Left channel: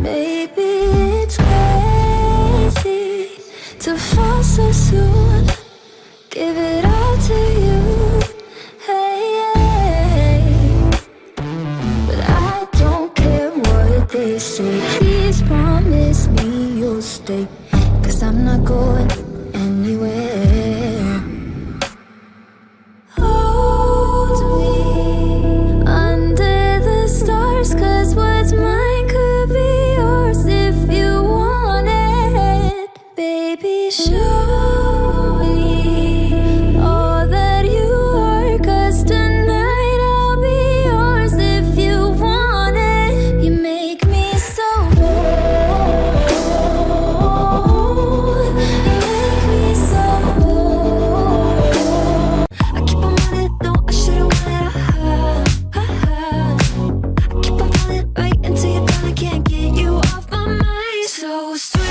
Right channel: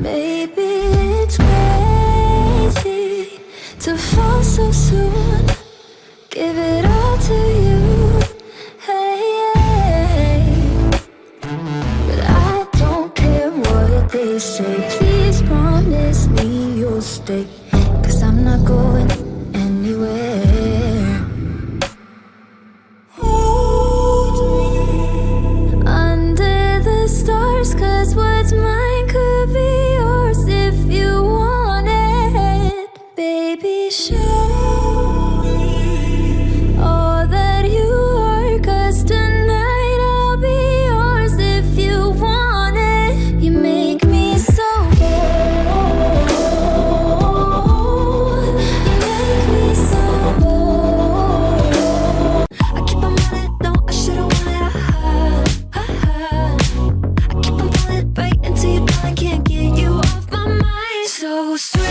Maybe it's crazy to fall so soon. Give it all to you, hey. But I don't care what they say. Please promise me you'll stay, 'cause I'm not going anywhere. Hold me under the stars, 'cause what's mine could be yours if you want it. Baby, show me all that you are, 'cause tonight I'll be yours if you want it. You make me so bold. You make me so bold. I keep on running, no, I should've wanted a high. I keep on falling right into your thought, I can't get you off my mind. So sweet.